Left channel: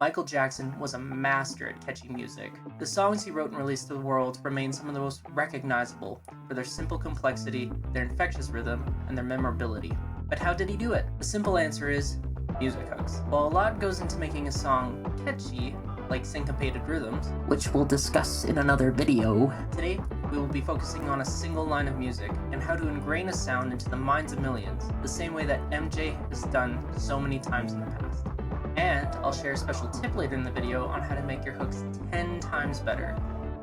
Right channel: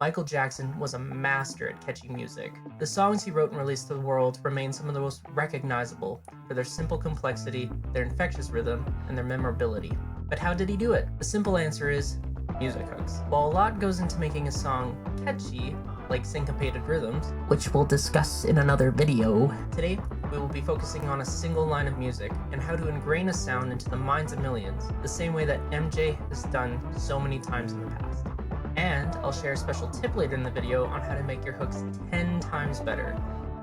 Michael Jackson was a master at catchy music. The songs he wrote and released to the world remain some of the most recognizable for their simple complexity, their infectious rhythm, and their memorability. But how did he do it? The simple answer is music hooks. While a lot goes into making a song catchy, like syncopated rhythms, which we'll discuss in another video, today we will be focusing on a single line of music and how to ingrain a sound into the minds of millions, the same way that MJ has done so many times in the past. And I'll share a special tip later in the video on how to make your hooks 10 times better.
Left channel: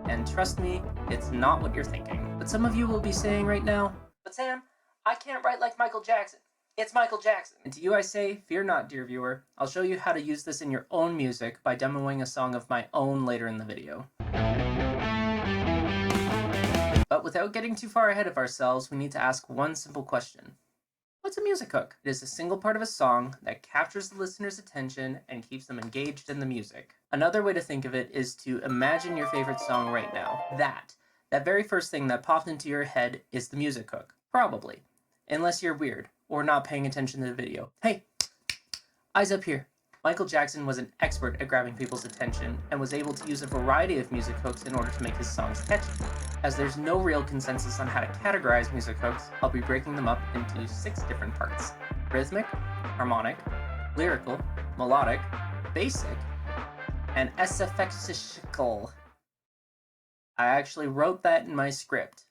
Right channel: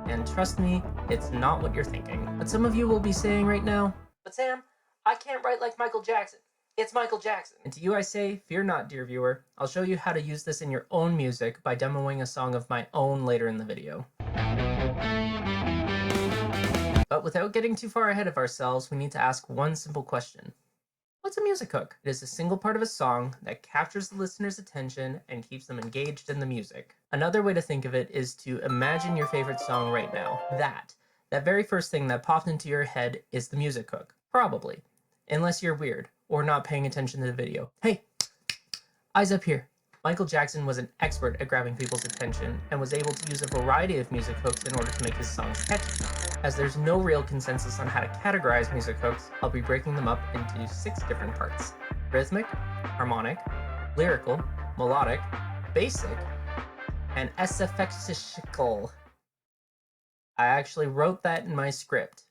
And trust me, it's not what you're thinking. But some of you will be saying right now, "But Sam, I can't write like Michael Jackson. It's Michael Jackson." And to you I say, fear not, dear viewer. I'll show you how to use this in your own music by demoing a song of my own later in the video. But without getting too far ahead of ourselves, we need to ask one simple question. What's a music hook? It is a single part of a song that captures the listener's attention and keeps them engaged in the music. Another way to think of it is to imagine your favorite song right now. That very first thing that popped into your head is the music hook. Probably. Unless you're weird or not paying attention to the video. Hey, eyes up here. Michael Jackson was an expert at grabbing people's attention and was able to use a variety of music hooks in order to make his songs catchy. As there's no real consensus on how to categorize music hooks, I'll be breaking them up into 6 different parts: rhythmic, harmonic, lyrical, melodic, basic, and sfxical. I actually wrote that in my script.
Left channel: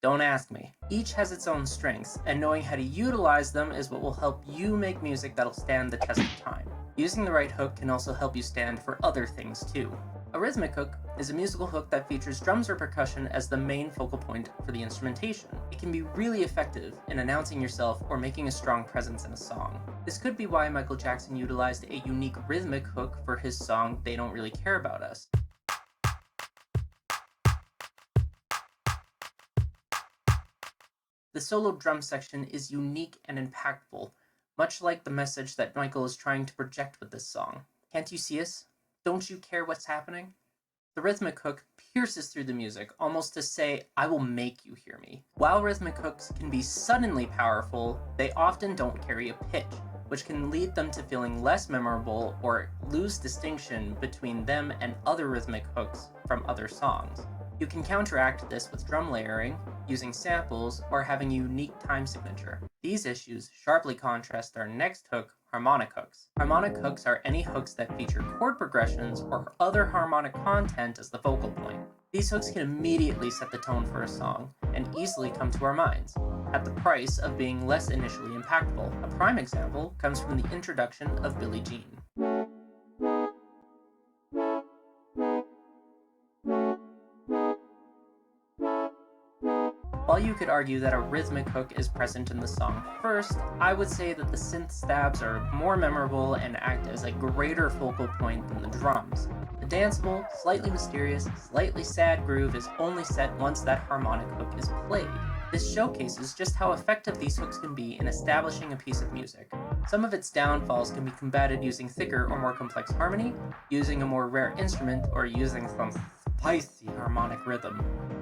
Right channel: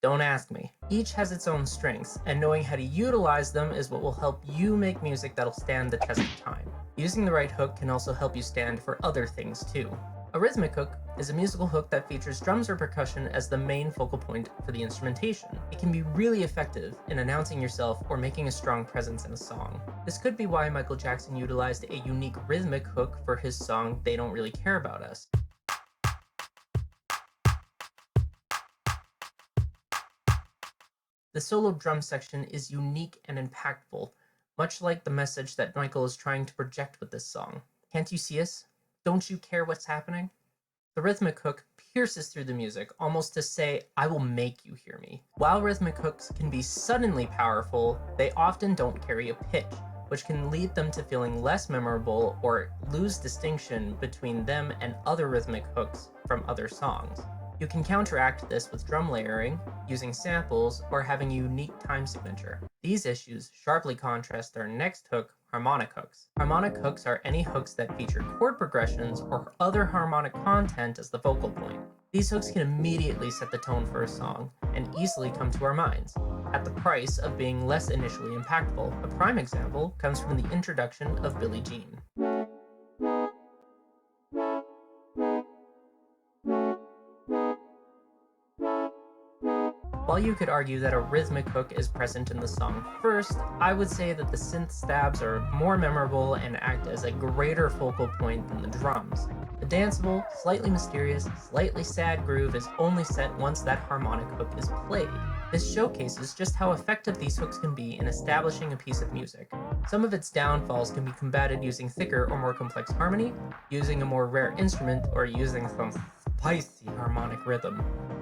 Don't ask me. Each has its own strengths, and knowing how to utilize them is what will help you make music that'll stand the test of time. Using the right hook can also help you stand for other things too. A rhythmic hook is a musical hook that features drums or percussion as the main focal point for the instrumentation. It can be really effective in announcing yourself or making a strong presence in a song. This could be why Michael Jackson utilized a unique rhythmic hook for his song "They Don't Really Care About Us." The solo drum section is unique and impactful, much like the message that Michael is trying to project with this song. Can't you see us? Don't you care what's happening? The rhythmic hook pierces through the music, almost to say, "I will make you hear me." While rhythmic hooks can be suddenly powerful, they often don't carry a pitch, which can lead them to feeling less memorable or lose distinction between them and other rhythmic hooks from other songs. You can counteract this with drum layering, using samples, or having a unique time signature. These issues sharply contrast our next hook, harmonic hooks. Harmonic hooks are any hooks that feature chord progressions or other harmonic content as the focal point. These hooks can immediately set the tone for a song and easily come to our minds, at the price of being less initially impactful. A prime example comes from the introduction of Billie Jean. While you could argue that a rhythmic hook is present in the song first, I would say that the synth stabs are more memorable and act as a greater focal point than the drums. The danceable, slightly mysterious, slightly sad groove is only set once that harmonic hook is played. This showcases just how effective these hooks can be in establishing a piece of music. Some of its downfalls can be combated using thicker or more complex harmony, using a more rare instrument, or using some spicy harmonic rhythm.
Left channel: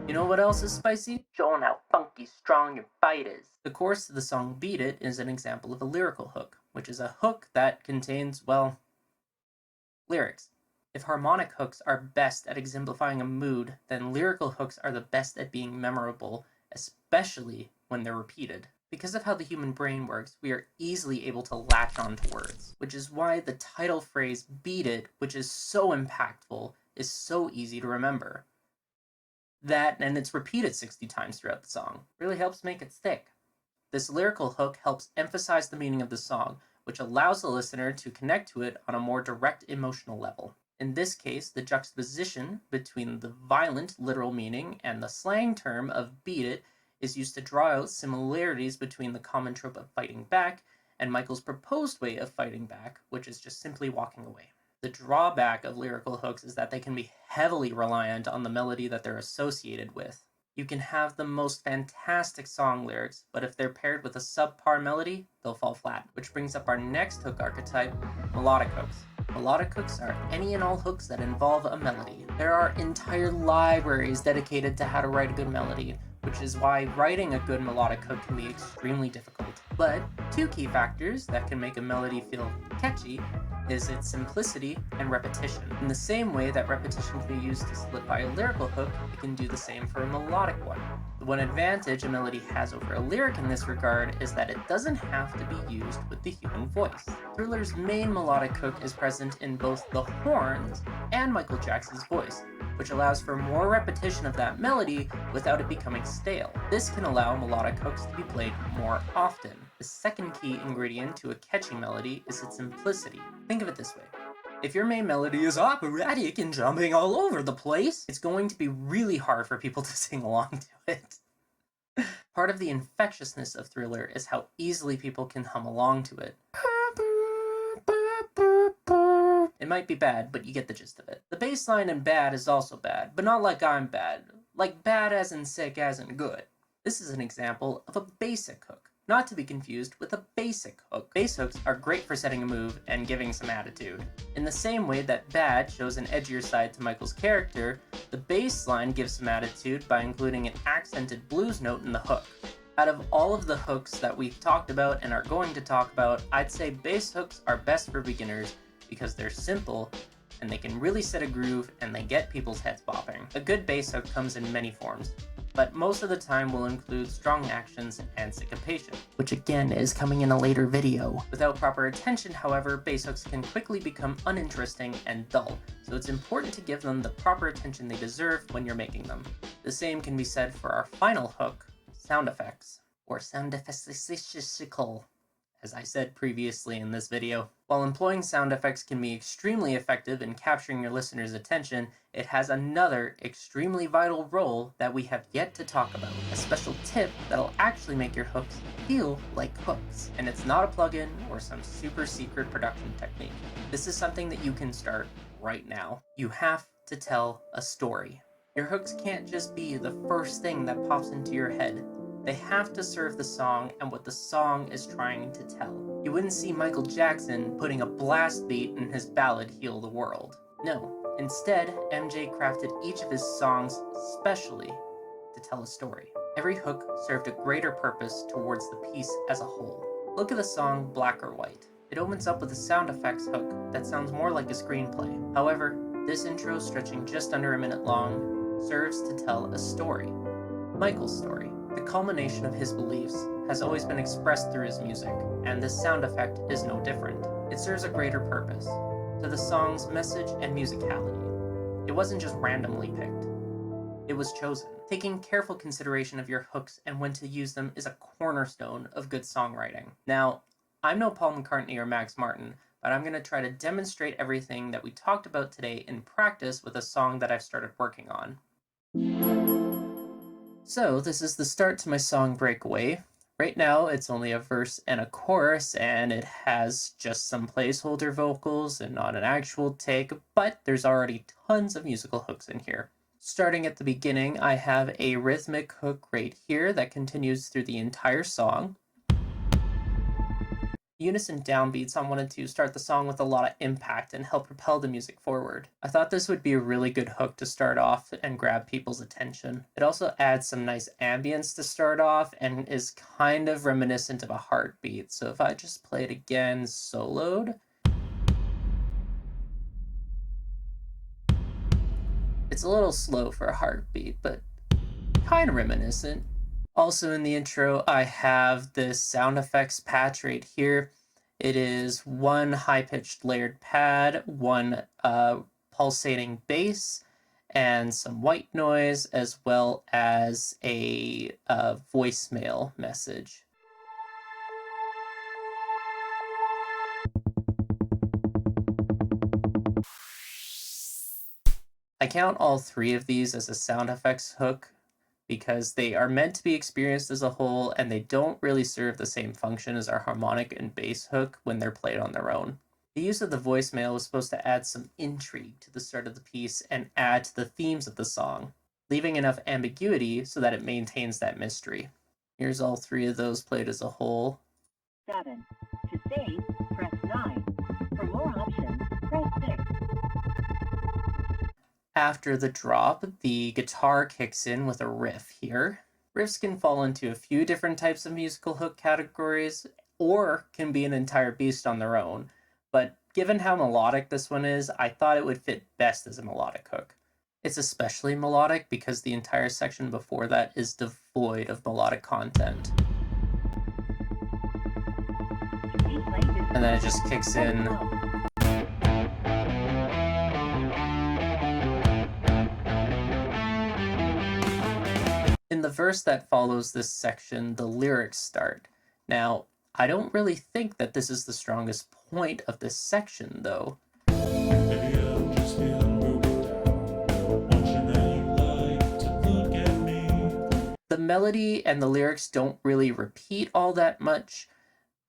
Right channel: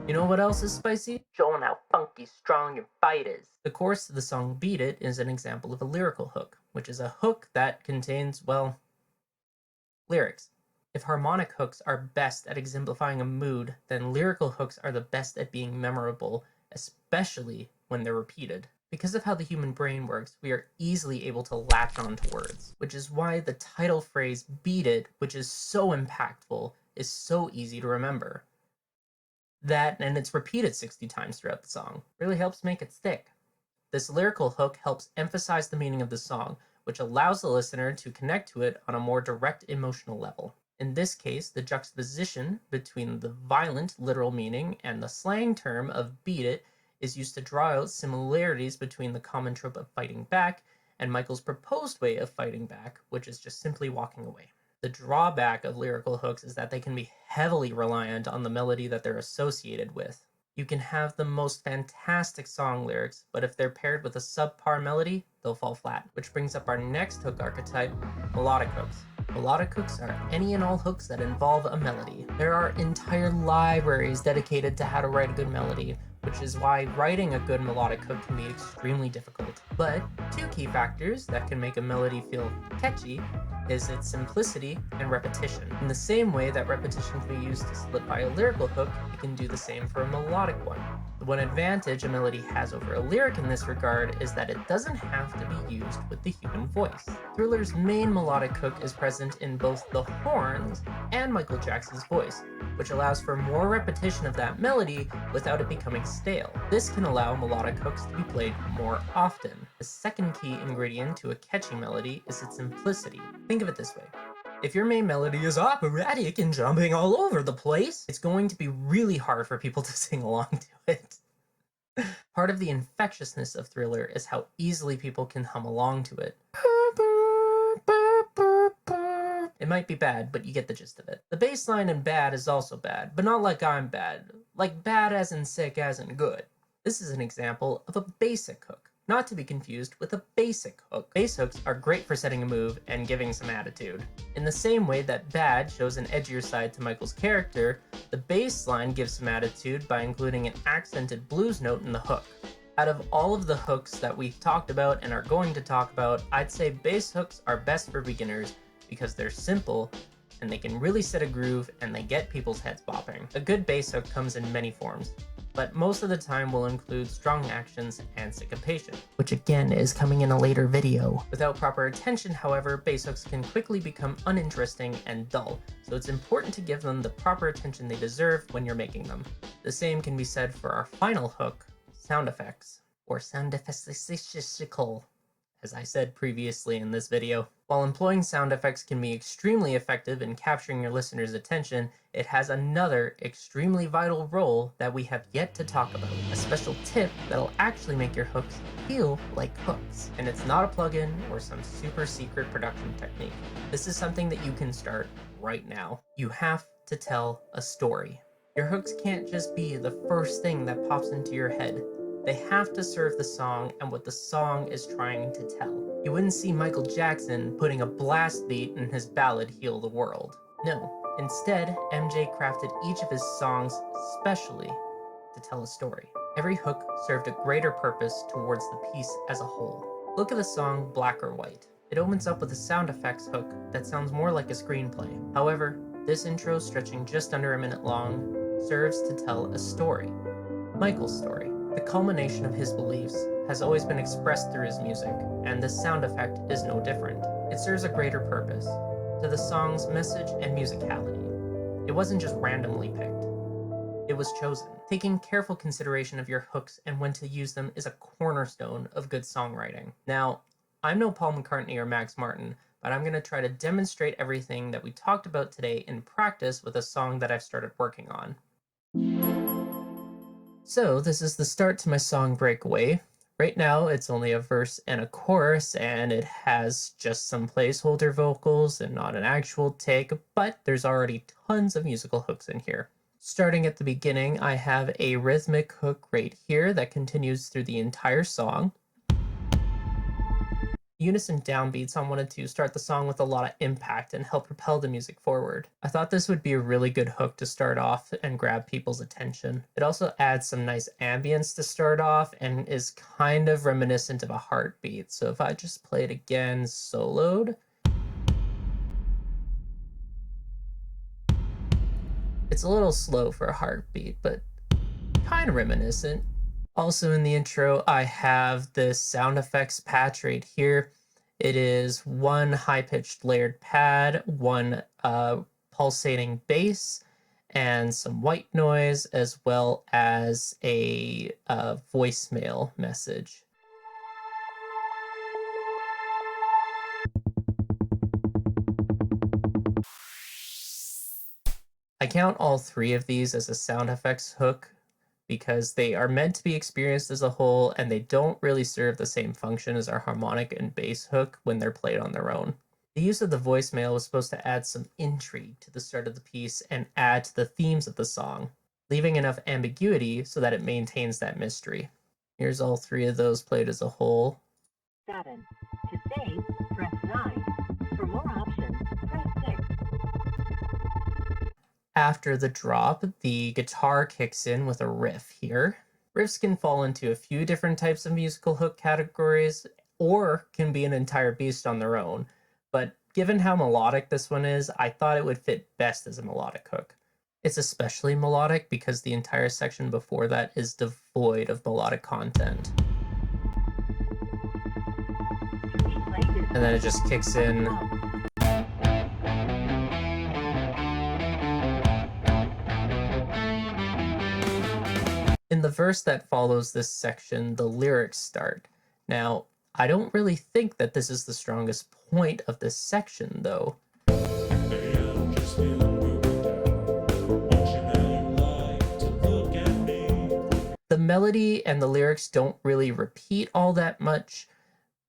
You know what else is spicy? Showing how funky strong your fight is. The chorus to the song "Beat It" is an example of a lyrical hook, which is a hook that contains, well, lyrics. If harmonic hooks are best at exemplifying a mood, then lyrical hooks are the best at being memorable, especially when they're repeated. Because of how the human brain works, we are easily able to latch on to words, which is why the title phrase "Beat It," which is so impactful, is so easy to remember. That, and it's repeated 60 times throughout the song, really helps make it stick. This lyrical hook helps emphasize the meaning of the song, which allows the listener to connect to it on a more direct emotional level. In this case, the juxtaposition between the violent literal meaning and the slang term of "beat it" is used to draw out similarities between the common trope of fighting back and Michael's proposed way of fighting back, which is just simply walking away. The drawback of lyrical hooks is that they can be heavily reliant on the melody that they're associated with. You can have the most fantastic song lyrics, but if they're paired with a subpar melody, they'll fall flat. Which brings up our next hook archetype, melodic hooks. Melodic hooks are any and all hooks that involve a melody. There are entire libraries dedicated to how to write a good melody, which is why writing a good melodic hook can be extremely difficult. But 2 key factors that can make a melody feel catchy is its simplicity and repetition. In the same way that repetition can be used to solidify a lyrical hook, it can do the same for a melodic one. The one advantage a melody has over a lyric in this regard is that it doesn't have to be used with the human voice. Thriller's main melodic hook is present in both the horns and Michael Jackson's voice, which allows for more repetition of that melody without it becoming stale. This can allow melodic hooks to be played more often. The second key ingredient to a catchy melody is its simplicity. Think of it this way. If your main melody is operatic and jumping all over the place, it's going to be really hard for people to sing along to it. Part of the infectiousness of Thriller is how easily people can hum along to it. It might be bad, but you get the gist of it. The bass line in Bad is also bad, but not like I'm bad. Like bad as in sick as in good. This is an example of a basic hook, not to be confused with a basic hook. Bass hooks are great for setting a move and giving some attitude. In the same way that Bad shows an edgier side to Michael's character, the bass line gives some attitude by including an accented blues note in the hook. Out of all of the hooks that we've talked about and are going to talk about, I'd say bass hooks are best for beginners because they're simple and they can really set a groove and they get people's heads bopping. A good bass hook comes in many forms, but most of the time will include strong actions and syncopation, which again is coming in a later video. Without proper attention, however, bass hooks can quickly become uninteresting and dull, so it's important to give them the proper attention they deserve when you're making them. The same can be said for our final hook, sound effects, or sound effects, as I said previously in this video. While employing sound effects can be extremely effective in capturing your listener's attention, it has another extremely vital role that we have yet to talk about. A special tip that'll actually make your hooks feel like hooks. And it's not a plugin or some super secret production technique. This is something that you can start right now. You have to tell a story. Your hooks can't just be the first thing that pops into your head. They have to serve the song and what the song is trying to tell. You wouldn't see Michael Jackson putting a blast beat in his ballad Heal the World. No, instead, MJ crafted each of his songs specially to tell a story. Every hook served a greater purpose towards the piece as a whole. Look at the song Black or White. It opens up with a sound effects hook that sounds more like a screenplay. However, this intro, stretching just under a minute long, serves to tell a story. Michael's story. The culmination of his beliefs has always been expressed through his music, and this sound effect is no different. It serves a greater purpose, to the song's message and musicality. It wasn't just randomly picked. It was chosen. Taking careful consideration of your hooks and when to use them is a cornerstone of good songwriting. Now, I'm no Paul McCartney or Max Martin, but I'm going to try to demonstrate everything that we talked about today in practice with a song that I've started working on. So this is the start to my song Breakaway. Right now it's only a verse and a chorus and it has just some placeholder vocals and not an actual take, but there's already tons of musical hooks in here. Starting at the beginning, I have a rhythmic hook right here that continues through the entire song. Unison downbeats on 1 and 2 start the song with a lot of impact and help propel the music forward. I thought this would be a really good hook to start off and grab people's attention. It also adds some nice ambience to start off and is kind of reminiscent of a heartbeat. So if I just play it again soloed, it's a little slow for a heartbeat, but kind of reminiscent. Also in the intro, I have this sound effects patch right here. It is one high-pitched layered pad, one pulsating bass, and some white noise, as well as a voicemail message. I count all 3 of these as a sound effects hook because they are meant to be experienced as a whole and they don't really serve the same function as our harmonic and bass hook when they're played on their own. The use of the voicemail was supposed to add some intrigue to the start of the piece and add to the themes of the song, leaving enough ambiguity so that it maintains that mystery. Here's all 3 of those played as a whole. 7. To save, press 9. For more options, press 6. After the drop, the guitar kicks in with a riff here. Riffs can fall into a few different types of musical hook categories, or can be an entire beast on their own, but given how melodic this one is, I thought it would fit best as a melodic hook. It's especially melodic because the entire section before that is devoid of melodic content. And then it just kicks in. In the verse that follows this section, the lyrics start. Now, I don't really think that this is the strongest point of this section, though. The melody and the lyrics don't really repeat all that much,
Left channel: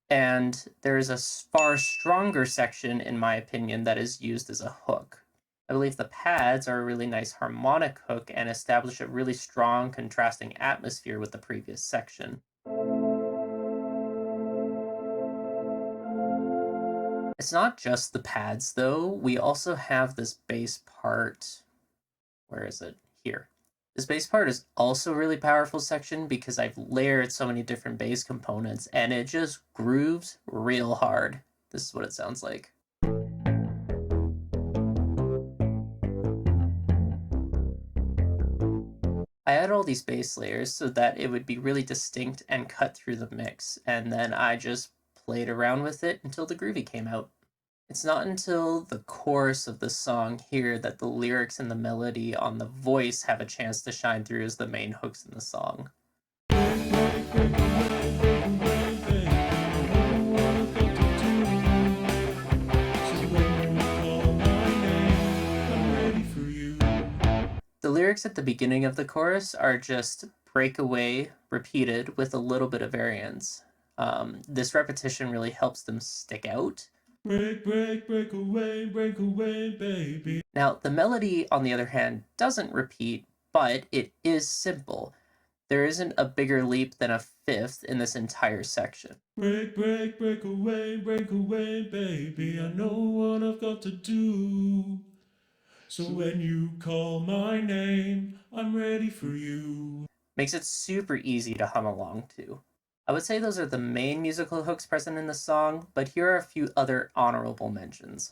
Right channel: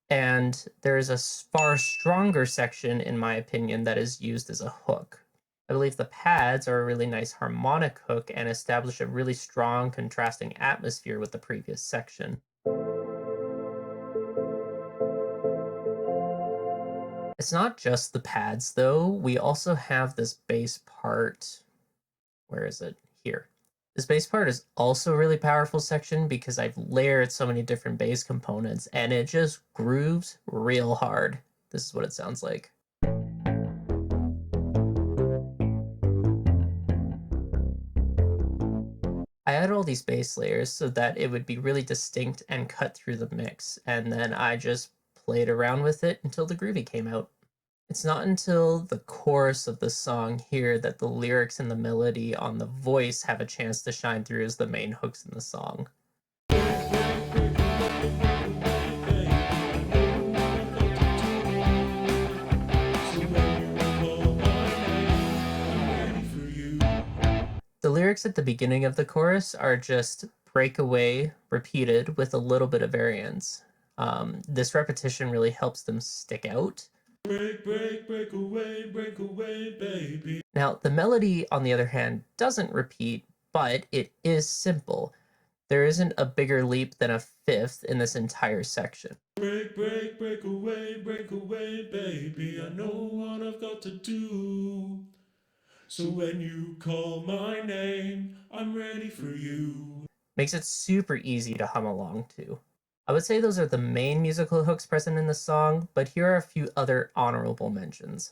and there is a far stronger section, in my opinion, that is used as a hook. I believe the pads are a really nice harmonic hook and establish a really strong contrasting atmosphere with the previous section. It's not just the pads though, we also have this bass part. Where is it? Here. This bass part is also a really powerful section because I've layered so many different bass components and it just grooves real hard. This is what it sounds like. I added all these bass layers so that it would be really distinct and cut through the mix, and then I just played around with it until the groovy came out. It's not until the chorus of the song here that the lyrics and the melody on the voice have a chance to shine through as the main hooks in the song. The lyrics at the beginning of the chorus are just breakaway repeated with a little bit of variance. This repetition really helps them stick out. Break, break away, baby. Now, the melody, on the other hand, doesn't repeat, but it is simple. There isn't a bigger leap than a fifth in this entire section. Break away, baby. I know what I've got to do. So when you call my name, I'm ready for you. Makes it super easy to hum along to. I would say those are the main musical hooks present in the song, but here are a few other honorable mentions.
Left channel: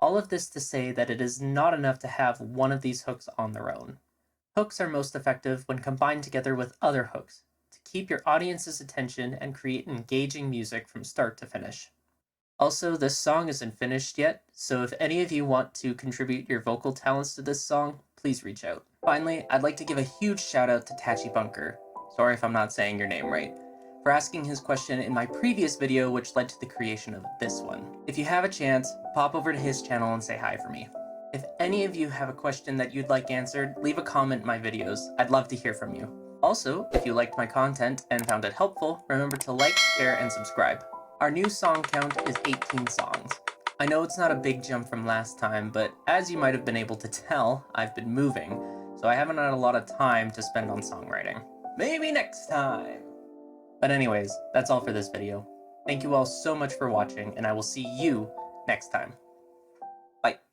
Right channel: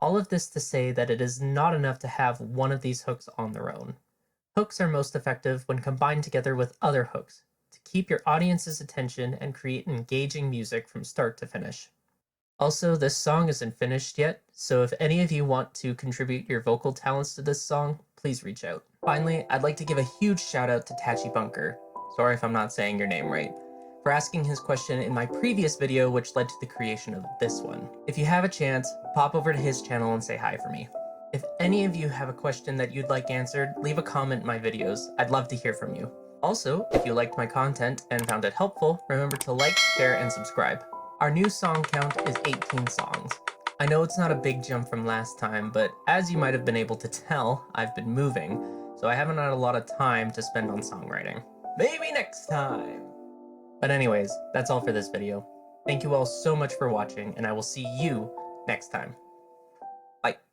All of this to say that it is not enough to have one of these hooks on their own. Hooks are most effective when combined together with other hooks to keep your audience's attention and create engaging music from start to finish. Also, this song isn't finished yet, so if any of you want to contribute your vocal talents to this song, please reach out. Finally, I'd like to give a huge shout out to Tachi Bunker, sorry if I'm not saying your name right, for asking his question in my previous video, which led to the creation of this one. If you have a chance, pop over to his channel and say hi for me. If any of you have a question that you'd like answered, leave a comment in my videos. I'd love to hear from you. Also, if you liked my content and found it helpful, remember to like, share, and subscribe. Our new song count is 18 songs. I know it's not a big jump from last time, but as you might have been able to tell, I've been moving, so I haven't had a lot of time to spend on songwriting. Maybe next time! But anyways, that's all for this video. Thank you all so much for watching, and I will see you next time.